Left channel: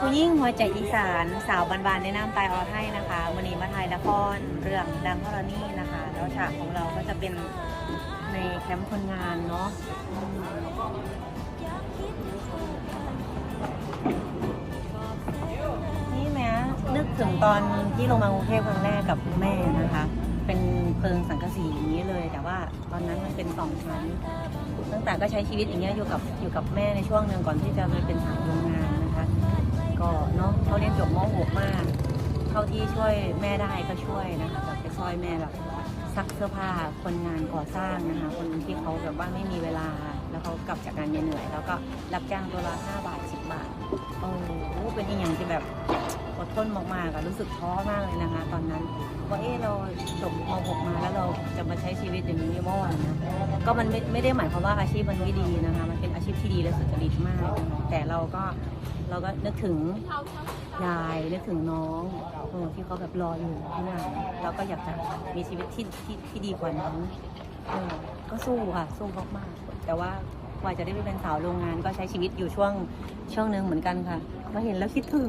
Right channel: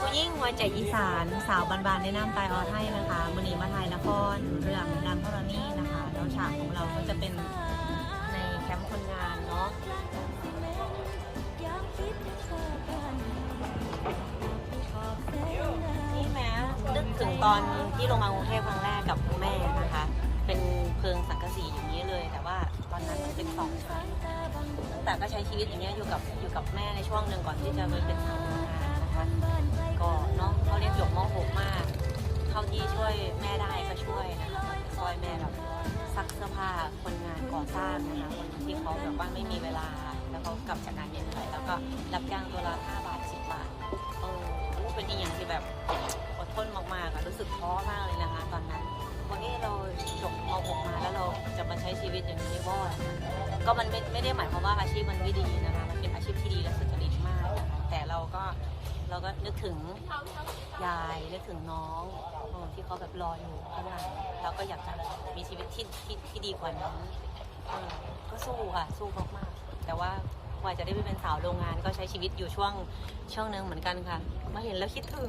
ผู้ยิ่งหัวใจอีสานสาวบานๆในน้ำตายออไทยนะคะวันนี้มาถ่ายละครเรื่องดังกรณีนะคะแล้วฉากของเราก็จะเป็นในแคมป์คนงานเนาะนี่แม้นึกถึงตอนที่ลงมากรุงเทพครั้งแรกกับคุณแม่นะคะ เป็นเพิงสังกะสีอย่างนี้เลย แต่ว่าตอนนั้นมันเป็นสองชั้นตั้งแต่ก็ใช้ชีวิตอย่างเงี้ยอยู่กับอยู่กับแม่ในช่วงหนึ่งก่อนที่จะมาเป็นสาวโรงงาน วยแม่แบบซักเสื้อผ้าคนงานก่อสร้างนะคะ คนที่เขาแบบว่าไม่มีเวลา แล้วเขากลับจากการเหนื่อย แล้วก็รับจ้างตัวละ5บาท10บาทโอ้โหเป็นอีกอย่างที่แบบอดทนมากๆอะรู้สึกท้อมากเลยนะคะ ตอนนั้นว่าเออเราจบม .6 มาแล้วเราจะมาใช้ชีวิตอย่างนี้บ่อยนะก็มันไม่ไม่ได้หมายความว่าอาชีพมันไม่ดีนะคะ มันเป็นอาชีพที่ดีและสุจริตมากนะคะแต่เราก็เราก็นึกถึงยายนึกถึงน้อง เออที่เขาแบบรออยู่ข้างหน้าเราก็อยากจะมีชีวิตที่ที่ที่ดีกว่านั้นเออก็สู้ค่ะสู้มากๆแต่ว่ากว่าจะได้ไปเป็นสาวโรงงานก็ใช้ชีวิตอยู่ช่วงช่วงหนึ่งเหมือนกันค่ะมาเห็นแล้วคิดถึง